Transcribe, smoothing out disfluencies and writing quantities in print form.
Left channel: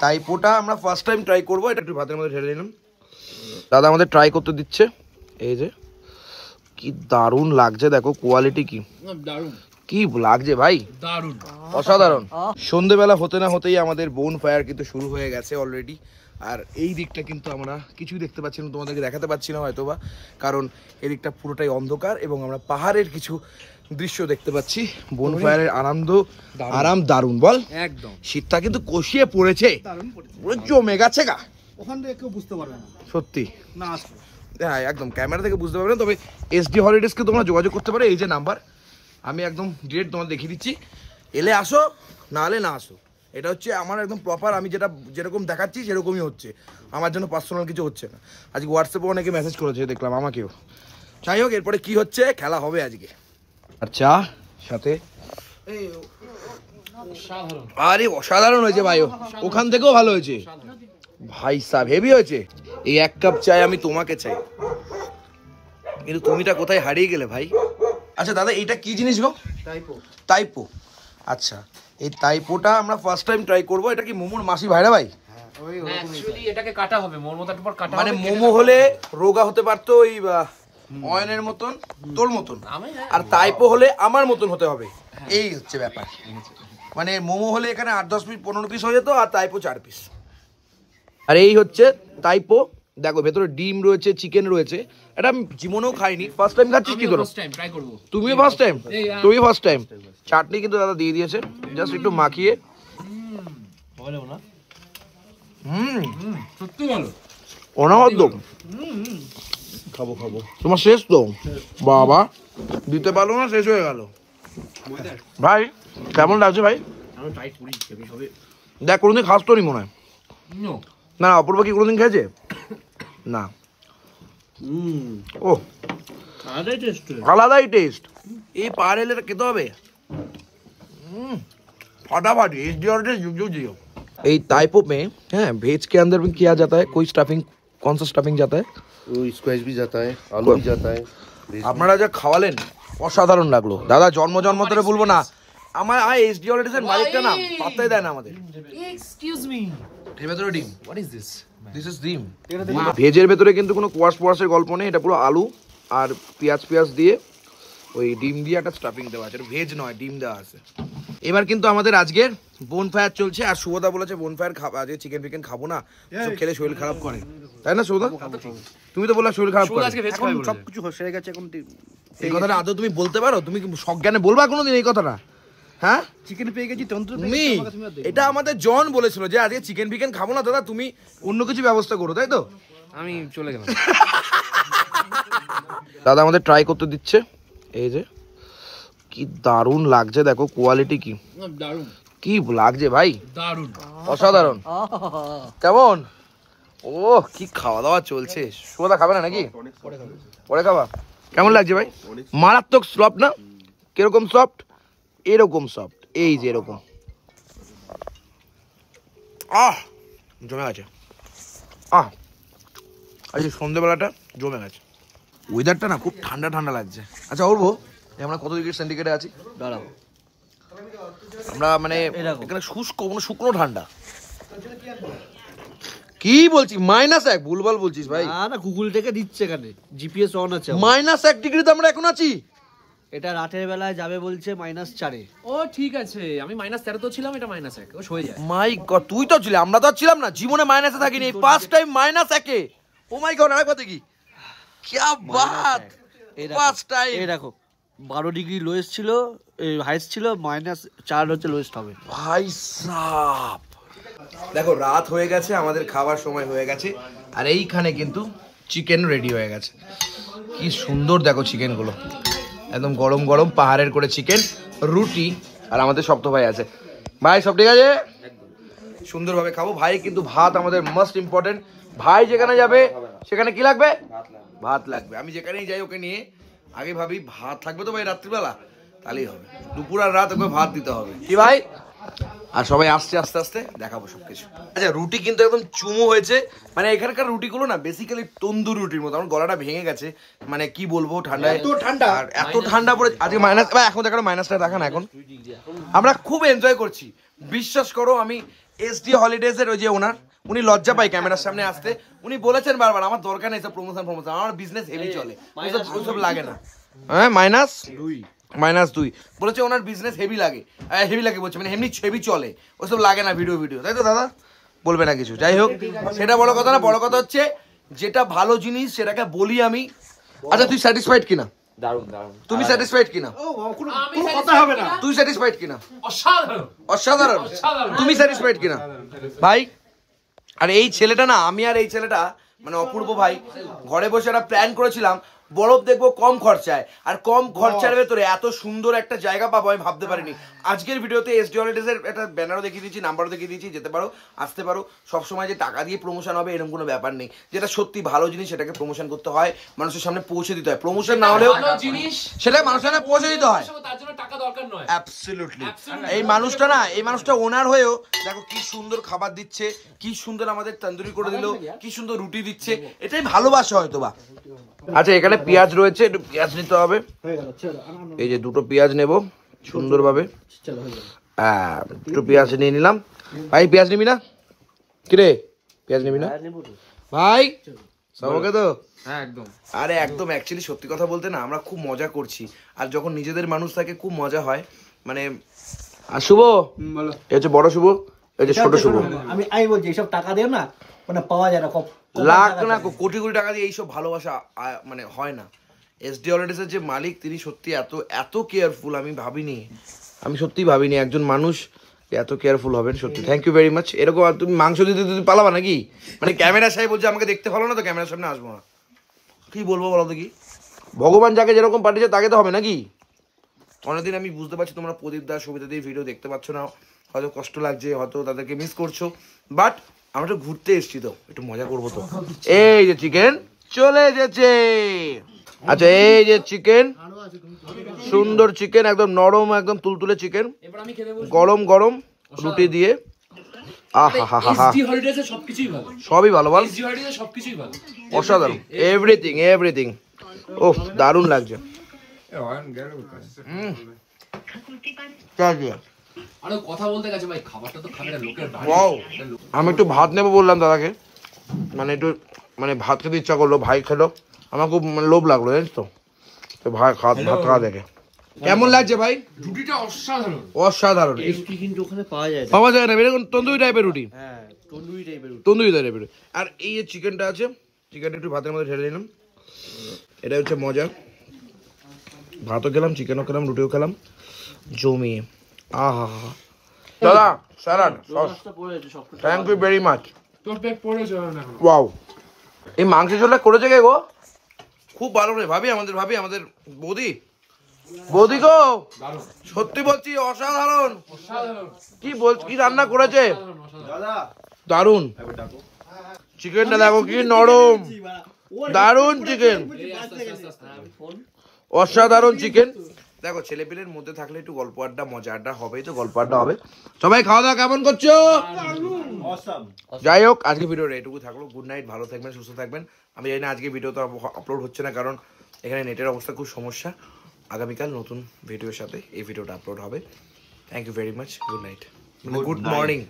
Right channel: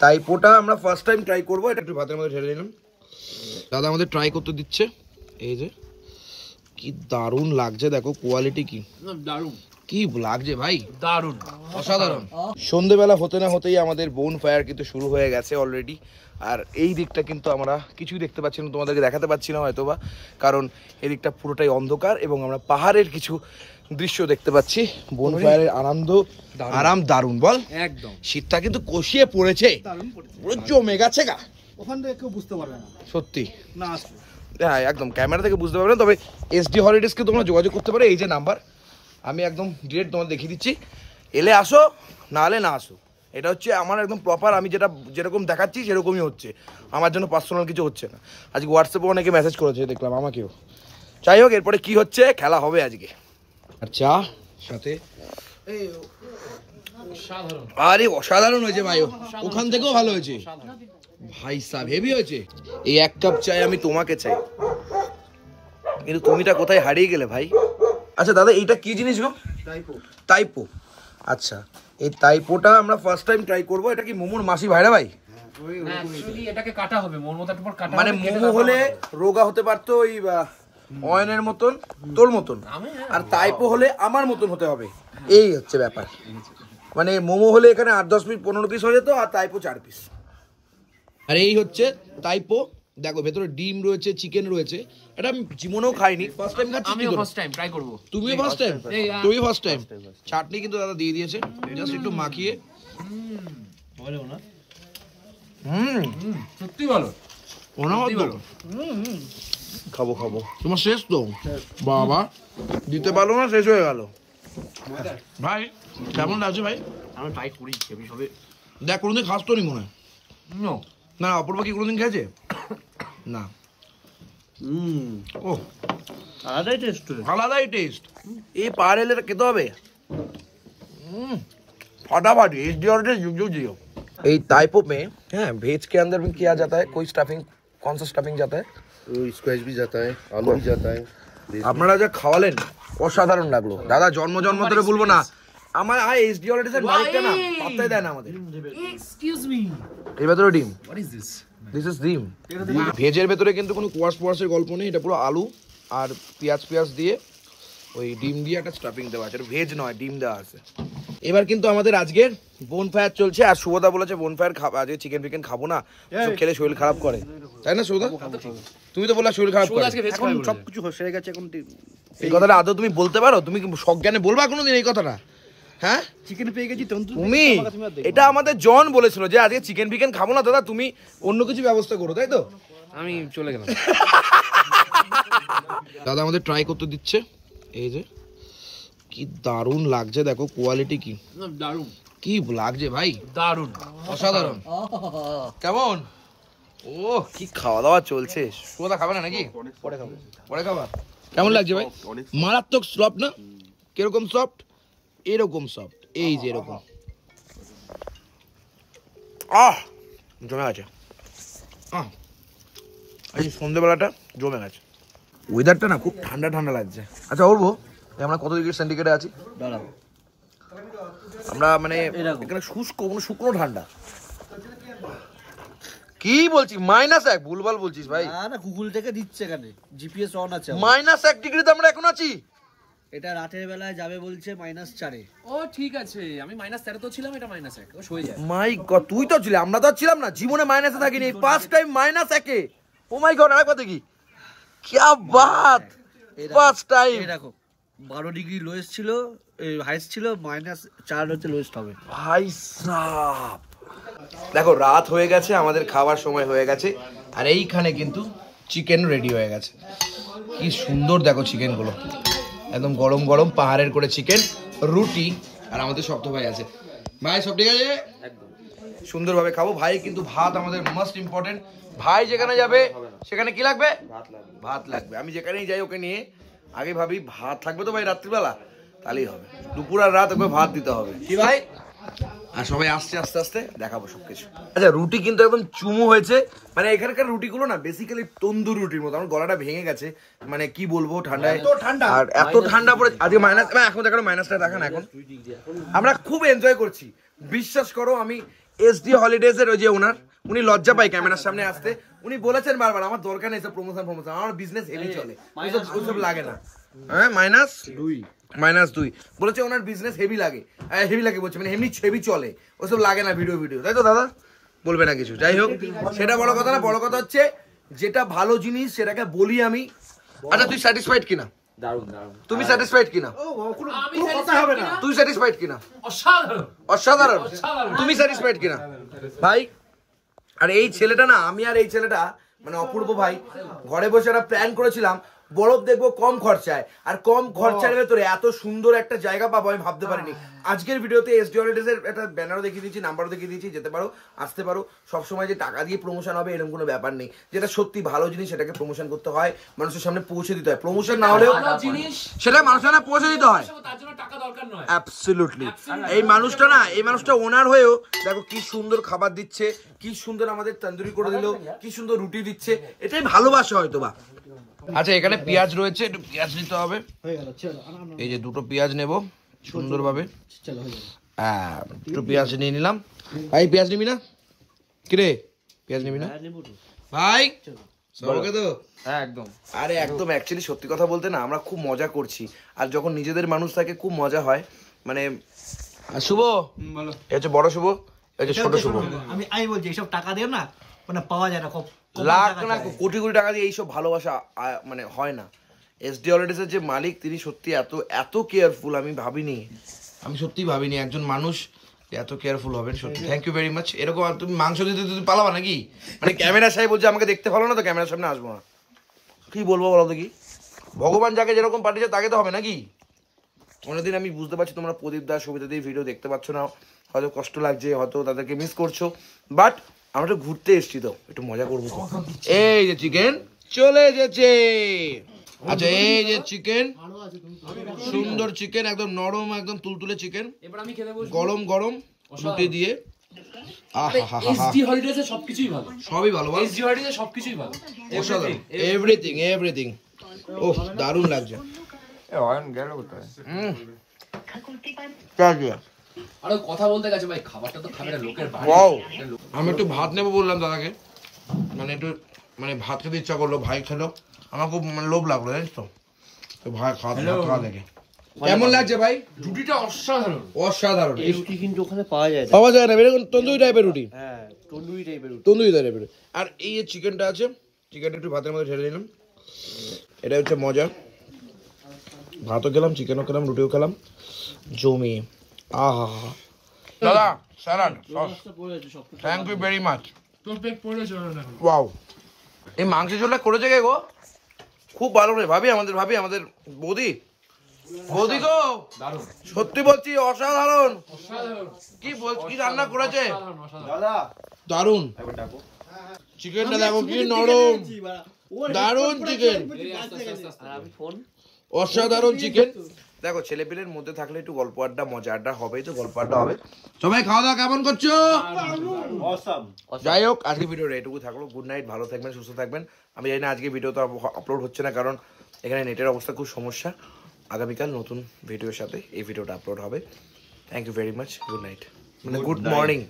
টাইপোটা আমরা first time try করবো, এটা একটু ভাতের মধ্যে ঢেলে নিলাম। দাদা আমাদের ট্রাই করতে দিচ্ছে। এই যে কি দারুণ লাগছে, দেখো কোয়ালিটি কি দারুণ, কি লাগছে ভাই, দারুণ অসাধারণ। সন্ধ্যেবেলা হতে না হতেই আমাদের বোন ফায়ার কিন্তু শুরু হয়ে গেছে অলরেডি। আর এই দিকটা কিন্তু আমরা কিছুই দেখতে পাচ্ছি না, তোমাদেরকে দেখাতে পাচ্ছি না হয়তো বা, কারণ এই দিকটা পুরোটাই অন্ধকার এবং আমরা পাহাড়ের কিছু দৃশ্য দেখতে পাচ্ছি। বোন ফায়ারের আনন্দ আরাম দারুণ, বল একদম। শীতটা কিন্তু কষিয়ে পড়েছে, পুরো জমে গেছে গা, ওখান থেকে কেউ বুঝতে পারবে না সত্যি না, হ্যাঁ একদম ক্যামেরা থেকে বুঝতে পারবে না। তবে SD হলিডেজকে তোমরা যোগাযোগ করতে পারো, এই যে নাম্বার আমি একদম ডিরেক্ট তোমাদের দেখিয়ে দিচ্ছি, এলে আসো না হলে না আসো। এটা হচ্ছে আমার একদম প্রপার, আমি যেরকম দেখাচ্ছি সেরকমই হচ্ছে, আমার জন্য পার্সোনাল কিছু হচ্ছে না। আজকে হোয়াটসঅ্যাপে অনেকে মেসেজ করেছে দেখলাম আমাকেও। যাই হোক, এরপরে কি হচ্ছে, খেলা হবে আজকে। আর চা সাথে আরে অসাধারণ হয়েছে ভাই, ওখান থেকেও ভালো হয়েছে ভাই সাহেব, হেভি হয়েছে। এই এক কাপ চাই আমি তোমাকে চাই, কিন্তু তুমিটা কোথায় হারিয়ে গেলে ভাই। আচ্ছা দাদা এইটা কি জিনিস গো? টাইপো। আচ্ছা এই টাইপোটা আমরা ফার্স্ট টাইম ট্রাই করবো। এটা কি মোমোর মাসি ভাইরা ভাই? এটাকে কাটা হবে মানে মোমো হলে রোগা হতে পারতো ওই অয়নের মতন, তোর মতন, আর টাইপো হলে আমার মতন হতে হবে, এই হচ্ছে ব্যাপার। মানে মোমো হলে এখানে 8-10 পিস 15 পিস হয়ে যেত, আর টাইপো 4 পিস। আর এই হচ্ছে টাইপো, দেখো ভেতরে ডিম রয়েছে, চিকেন রয়েছে। এটা আমি জীবনেও খাইনি, ফার্স্ট টাইম খাচ্ছি। কি করো তুমি? ফার্স্ট টাইম, তুমি ফার্স্ট টাইম। চাটনি কিন্তু দাদা দিয়ে দিয়েছে, জাস্ট একটু মাখিয়ে। সত্যি ভালো, অনবদ্য। খাবো খাবো, তোমার শেষ তো বাবা, দিতে পারলো না, শেষ হয়ে গেল ভাই। কেমন লাগছে ভাই? দেখ কোনোদিন খাস তো নি মনে হয় না, অপূর্ব কি কোনোদিন খেয়েছে না? ও আলাদাই টেস্ট, এই পাহাড় এলে খেতে হবে फटाफट SD ऑर्डर जुग जियो। এই टाइपो में हैं वेज के अंदर भी किया जाता है कोई स्टफिंग, कौन सा स्टफिंग जाता है? स्क्वैश भी जाता है, आलू भी जाता है। আপনারা যা খাওয়ালেন অসাধারণ লাগলো দাদা, জন্ম ধরে বলবো না, আমার SD হলিডেজের মালিকটা না পাত্তাই দেয় না আমাদের। এক্সকিউজ মি, এর ভেতরে ডিম, what is this? This is ডিম। ভেজের ভেতরে কিন্তু কোনো কোয়াশের গল্প নেই, এটা পুরো আলু আর পেঁয়াজ দিয়ে ওই ডিম দিয়ে একটা স্টাফিং দেওয়া আছে, এটা ভেজ নয়, ডিম দেওয়া আছে। এবার কিন্তু আমাদের আজকের বোন ফায়ার চলছে, আর শুভদা বলেছে বোন ফায়ার আজকে চিকেন ফিকেন খাবো না, সব খেলে শরীর খারাপ করে, তাই না শুভদা? তুমি তো বললা শরীর খারাপ করে, এখন সবকিছু হয়ে গেছে। এখন এই কথাটা আদৌ তুমি বলতে পারো? তুমি সজ্ঞানে বলবা কোনোদিন এই কথাটা? হ্যাঁ চিকেন পেয়ে গেছি তুমি, এটা আমাদের জন বলেছিল যে আজকে চিকেন ফিকেন খাবো না দাদা, তুমি অন্য কিছু ব্যবস্থা করো, তাই তো? আমি চলে গেলাম। দাদা আমাদের ট্রাই করতে দিচ্ছে। এই যে কি দারুণ লাগছে, দেখো কোয়ালিটি কি দারুণ, কি লাগছে ভাই, দারুণ অসাধারণ। কেমন? ও কি খাওয়া দাওয়া চলছে। শুভদা খাবে না নাকি? পরে খাবা। কেমন লাগছে ভাই? মারাত্মক সফট না? কিরকম সফট? এরকম সফট, এই যে এরকম। জমে গেছে। আজ সন্ধ্যেবেলাটা জমে গেছে। ওয়েদারটা না খুব ঠান্ডা ঠান্ডা লাগছে। আচ্ছা ওরবো আমরা কত ডিগ্রি সেন্টিগ্রেডে আছি? দাঁড়াও, আমরা মানে এখানে শুকনো ঠান্ডা। কি বলছি -1? ভুলভাল বলছিস ভাই। না গুগল থেকে দিচ্ছে, এখানে জিপিএস অন আছে। -1 ডিগ্রিতে আমরা এখন আছি। এটা রাতের বেলায় যাবে বলছে -4। ও ঠিক আছে, আমি -13 তো ছিলাম, এটা -1 ও হয়ে যায়। মাই গড, তুই তো ছিলি, আমরা তো ছিলাম না, জীবনে মাইনাসে থাকিনি, ফার্স্ট টাইম -1। ও মাই গড, আরেকবার দেখি, কি বাত, ফার্স্ট টাইম। এই দেখো 12 ডিগ্রি লোয়েস্ট ছিল, হাইস্ট ছিল, -4 হচ্ছে লোয়েস্ট হবে ভাই সাব। দেখো রাত হয়ে গেছে, আমাদের খাবার সময় হয়ে গেছে, আর এইখানে কিন্তু চিকেন রেডি হয়ে গেছে। কি সুন্দর দেখো চিকেন গুলো, একদম গরম গরম পাহাড়ের করে চিকেন, রুটি, আর আমাদের সপ্ত ভাই আছে। ভাই সব ঠিক আছে? সুন্দরভাবে খাবো ভাই, কিন্তু ভাত আমাদের মোস্ট ইম্পর্টেন্ট। ভাই যেখানে যাবে সেখানে কি লাগবে? ভাত লাগবে। আমি যেখানেই যাই ওকে নিয়ে আগে ভাবি ভাত থাকবে তো ভাই রাত্রিবেলা, তাহলেই হবে। দুপুর আর রাত ওকে ভাত দিতে হবে, কি ভাই? আর সবাই আসছে, আস্তে আস্তে দেখাবো সবকিছু। আচ্ছা রুটি কিন্তু একদম চুমু হয়েছে, মানে এখানকার রুটিগুলো না বেসিক্যালি তন্দুর রুটির মতো। আমার গলাটা ভেঙে গেছে, মানে কি বলবো, ঠান্ডায় আর এত ঠান্ডা পড়ে আজকে মাইনাস। এখন দেখো মাইনাসটা দেখা না, এখন আমরা খুব এনজয় করছি, বিশ্বাস করো। আমি এসডি হলিডেজ এর ওই যে ওনার, উনি লজ্জা পায় ক্যামেরার সামনে আসতে। উনি বলেছেন বারবার আমার দরকার নেই সব প্রমোশন, আমার বিজনেস হেভি চলে, ওইসব লাগে না। হ্যাঁ -2 বলেছে ওনার বিজনেস হেভি লাগে বলছে, মানে এমনি হেভি চলে, ওসব লাগে না ভিডিও, তাই তো দাদা? বলবে না কিছু, যাই হোক সেটা বড় কথা না। বড় কথা হচ্ছে যেটা ভালো জিনিস সেটাকে বলি আমি। আচ্ছা তুই স্যাটিসফাইড কিনা? তুমি স্যাটিসফাইড কিনা? তুই স্যাটিসফাইড কিনা? অসাধারণ। তুমি স্যাটিসফাইড কিনা ভাই? আর এই ছেলেটা না, আমি আর এই ছেলেটা মানে অপূর্ব ভাই ঘরে বসে একটা প্ল্যান করেছিলাম, বরফ দেখবো কম খরচায়, আর কম খরচার ভেতরে এত সুন্দর একটা জায়গা পাবো আমি ভাবতে পারিনি। আজকের ভিডিওতে এসডি হলিডেজ এর একটা ব্যানারও দেখিয়ে দিয়েছি, নাম্বারও দেখিয়ে দিয়েছি, যেতে পারো, আসতে পারো। সবসময় যে টাকা দিয়ে প্রমোশন হবে এরকম কোনো ব্যাপার নেই। যেটা সত্যি ভালো জিনিস সেটাকে প্রমোশন করতে হয়, মানুষের সামনে পৌঁছে দিতে হয়। প্রমোশন না হলেও সেটা মানুষের সামনে পৌঁছে দিতে হয়। অ্যাবসলিউটলি। এই মানুষটা ওনার হয়েও দেখো কি সুন্দর খাবার দিচ্ছে, কি সুন্দর আমাদের তন্দুরি করে দিল, কি সুন্দর রুটি দিচ্ছে, এটাই ভালোবাসা হয়তো বা। আচ্ছা এখানে পেঁয়াজ রয়েছে, একটু পেঁয়াজ নিতে হবে। এই যে 2টো পেঁয়াজ নেব সুন্দরভাবে, একটু পেঁয়াজ নিয়ে নিলাম। ভাই পেঁয়াজ নিবি না? কিরে পেঁয়াজ নিবি না ভাই? সবকে তো একদম। আরে একদম, অ্যাকচুয়ালি সত্যি কথা বলতে না আমরা খুব মজা করছি, আর যখন নিজেদের মানুষ থাকে খুব মজা হয়। মানে আর শুভ, এই হচ্ছে বড় শুভ, এই যে ছোট শুভ। আমি বলছি এইসব টাকা দিয়ে না মানে পাওয়া যায় না, লাখ না কোটি কোটি টাকা দিয়ে এইসব ভালোবাসা মানে হয় না। এসডি হলিডেজ এর যে মালিক তিনি সত্যি এত কেয়ারফুল, আমি সত্যি ভাবিনি একজন মানুষ এত কেয়ারফুল হবেন, সত্যি থ্যাংক ইউ ভেরি মাচ। এরকম আর তুমি মাংস দিতে তুমি পালাবা নাকি? মানে ক্যামেরা সাহেব বলছে আমাকে দেখতে ভালো না তো ক্যামেরার সামনে আসবো না, কি বলবো বলো তো? কি ভগবান যাকে যেরকম পাঠিয়েছে তাকে তো হবে নাকি? অনেকদিন আমি বুঝতে পারছি তোমরা প্রদীপ দাস সুবিধা দিয়ে ভিডিও দেখতে পাচ্ছ না, হয়তো কষ্ট লাগছে, হয়তো তাদেরকে মিস করছো, বাট আমরা তো ঘুরতে এসেছি তো একটু মজা করবো তো। এই যে চিকেন চলে এসেছে। আচ্ছা এই যে চিকেন, সুন্দর চিকেন, একদম নরম, একদম তুলতুলে চিকেন, গরম গরম রুটি দিয়ে। সবই ভালো বল, অসাধারণ, এভরিথিং। ওহ দারুণ লাগছে। আমি একটু ভাত নেবো বললাম দাদাকে, মানে একটু মানে ভাত খেতে ইচ্ছা করলো, ভাই খেলো, আমার খুব লোভ লাগলো জানিস তো, ভাই ভাত খাওয়া দেখে কেমন লাগছে ভাই? রুটিটা অসাধারণ। কিন্তু ওখানে পাওয়া যায় না এরকম তন্দুরি টাইপের রুটি, তন্দুরি টাইপের। আর এই যে চিকেনটা আছে, চিকেনটা একটু ভাতের মধ্যে ঢেলে নিলাম, এটা হচ্ছে মজা। ভাতও খেলাম, চিকেনও খেলাম, রুটিও খেলাম, জমি। আহা দাদা salad, thank you very much. Wow, এই মাংস ঝোলটা করেছে কে গো? খুব ভালো রে ভাবি, আমাদের বৌদি গো, সত্যি বলছি অসাধারণ। কি রান্না করেছে, দারুন। চিকেনটা দেখো কি নরম, দারুন চিকেন, অসাধারণ চিকেন। দেখো ছেলেপিলের মধ্যে থাকলে একটু গল্প আড্ডা মজা আড্ডা হবেই তো, গল্প আড্ডা হবে। সবাই খাওয়া দাওয়া কেমন করছো? যাই হোক আজকে ভিডিওটা এটুকু থাকলো। গুড নাইট, ভালো থাকবেন, সুস্থ থাকবেন। আমি জানি না আজকে ভিডিও তো আপলোড হচ্ছে না, কারণ এখানে নেটের অবস্থা খুব সমস্যা। আগামীকাল নতুন ভিডিওর সাথে এই ভিডিওটা আপলোড হবে। Thank you very much, good night, মানে গুড মর্নিং।